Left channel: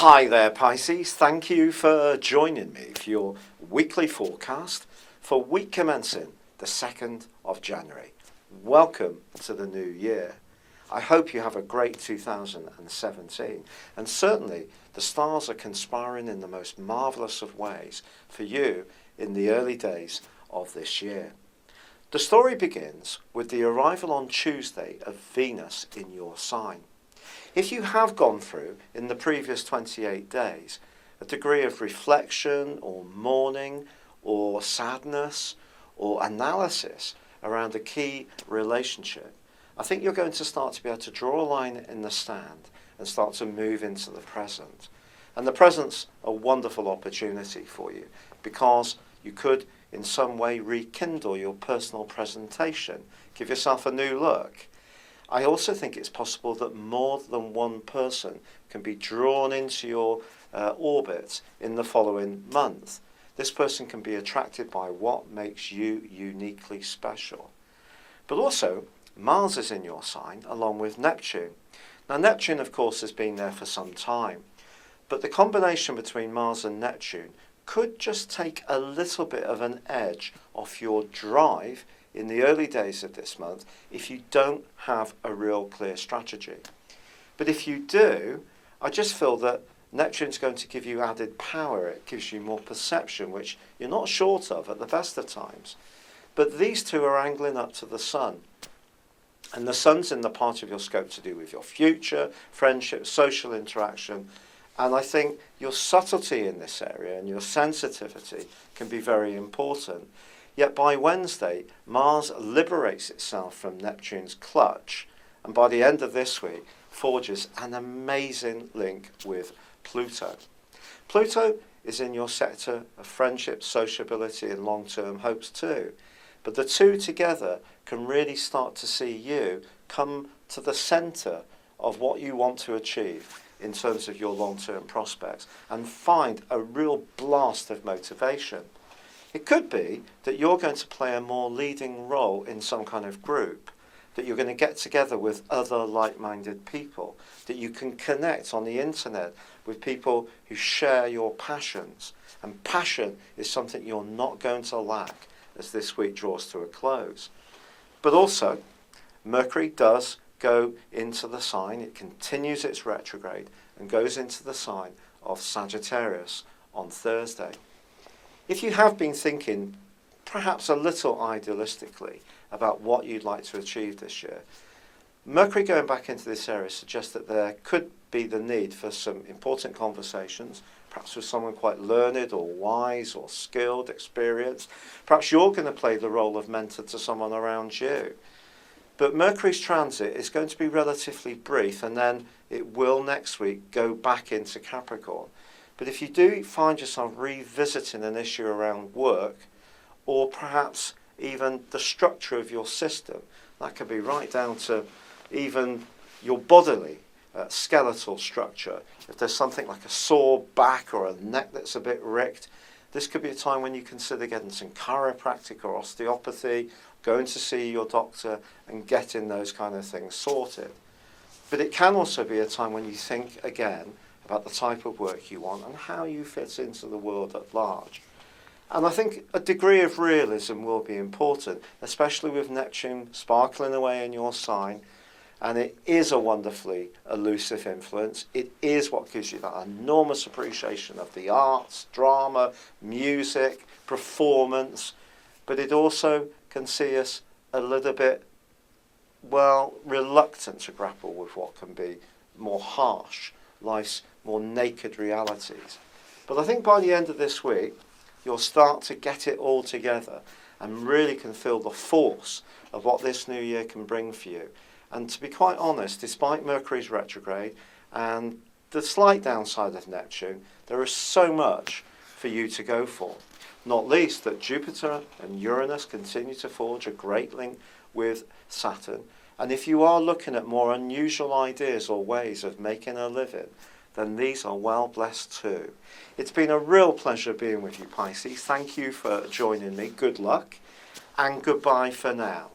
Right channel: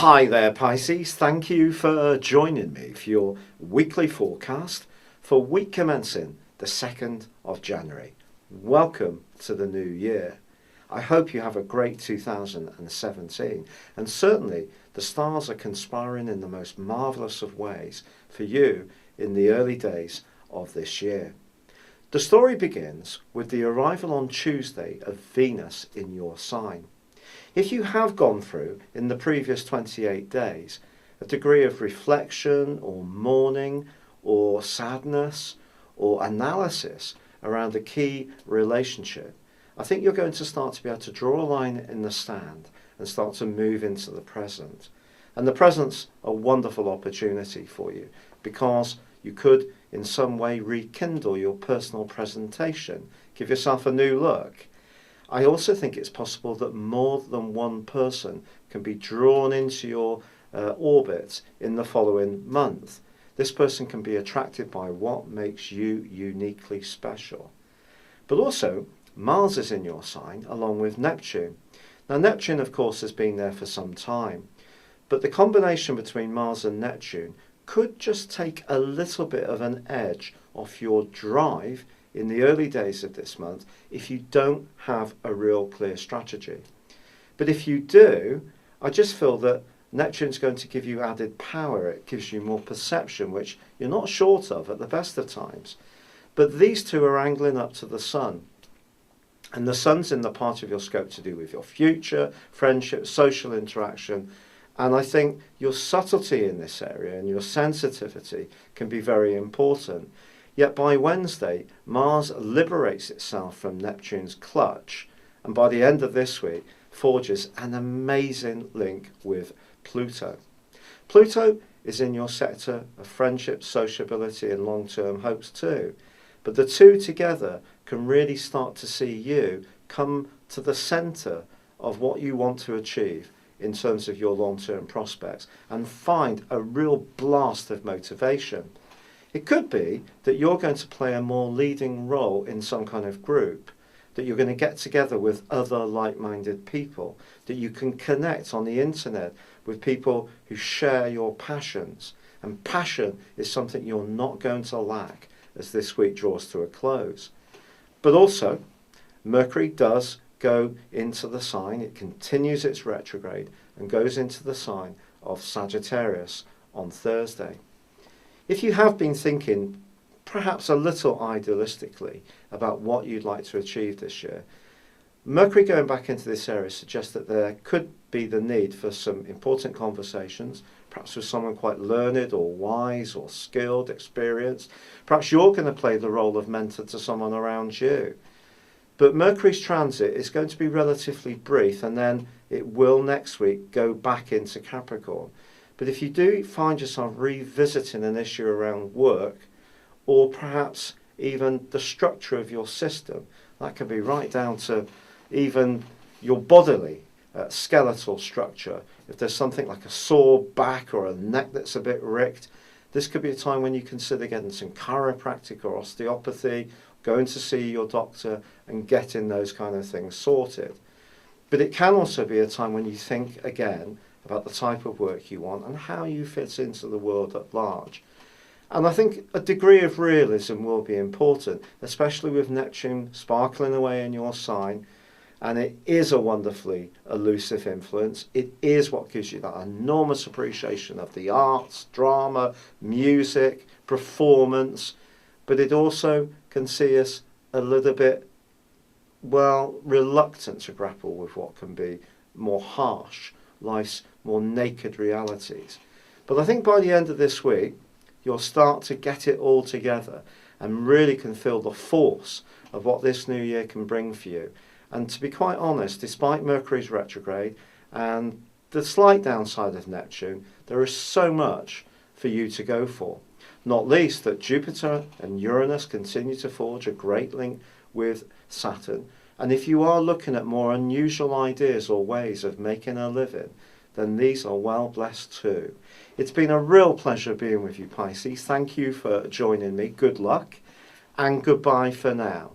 Hi there, Pisces. Thank you for joining me for your weekly forecast for week commencing the 2nd of January. Welcome to the new year. I hope you have a great 2017, and certainly the stars are conspiring in the most marvellous of ways for you in the early days of this year. The story begins with the arrival on Tuesday of Venus in your sign. If you have gone through, in the previous 28 days, a degree of reflection or mourning or sadness or analysis around a key relationship, I think you're going to start to be able to draw a line in the sand and start to move into the present. And the present's a wonderful opportunity for you because you could in some way rekindle your personal presentation, give yourself a new look. I also think it's possible that more than one person can be drawn into your orbit in the following month. This person can be attracted by what makes you uniquely special. But also, Mars is in your sign along with Neptune. Now, Neptune, of course, has been there for some time, but the combination between Mars and Neptune could just take a little bit of an edge off your drive in the early days of this month if you don't have a real clear strategy. But if you do, I just feel that Neptune's going to give you added power. It gives you more perception, which you're not short of at the best of times. But these two are angling up to the Sun. And the Sun's in the part of your scope to do with your future, friendship, social interaction. And I think your subtlety in this area and your sensitivity can be very important. Yet by Wednesday, Mars liberates itself from Neptune's clutch, and by the end of this week, forges an amazing link with Pluto. Pluto is in your sector of friendship, sociability, and long-term hopes too. But the two together can really start to see you come to the centre of what you want to achieve in terms of your long-term prospects and find a real blast of motivation. It could be that you're going to play a more leading role in some kind of group, that you're going to get together with other like-minded people, that you can connect on the internet with people who share your passions. And passion is something you're not going to lack as this week draws to a close. But also, Mercury does go into the sign. It continues its retrograde and goes into the sign of Sagittarius on Thursday. If you have been thinking perhaps a little idealistically about what you'd like to achieve this year, Mercury going back into this area suggests that there could be the need for some important conversations, perhaps with someone quite learned or wise or skilled, experienced. Perhaps you're going to play the role of mentor to someone around you. But Mercury's transit is going to be relatively brief, and then it will next week go back into Capricorn. But if you do find yourself revisiting an issue around work, or perhaps even the structure of your system, that could be right down to even your bodily skeletal structure. If there's something like a sore back or a neck that's a bit ricked, this could be a time when you consider getting some chiropractic or osteopathy, going to see your doctor and getting those kind of things sorted. But it can also be a time when you think again about the type of work you want and how you fit into the world at large. And I think a degree of realism will be important, especially with Neptune sparkling away in your sign. And it is a wonderfully elusive influence. It is what gives you that enormous appreciation of the arts, drama, music, performance. But it also can see us a little bit, reluctant to grapple with what can be more harsh, life's more naked realities. But I think by the end of this week, you'll start to get it all together and really can feel the force of what this new year can bring for you. And to be quite honest, despite Mercury's retrograde and the slight downside of Neptune, there is so much for you to go for. Not least that Jupiter and Uranus continue to forge a great link with Saturn. And if you are looking at more unusual ideas or ways of making a living, then these are well blessed too. It's been a real pleasure being with you, Pisces. Thank you for joining me. Good luck and goodbye for now.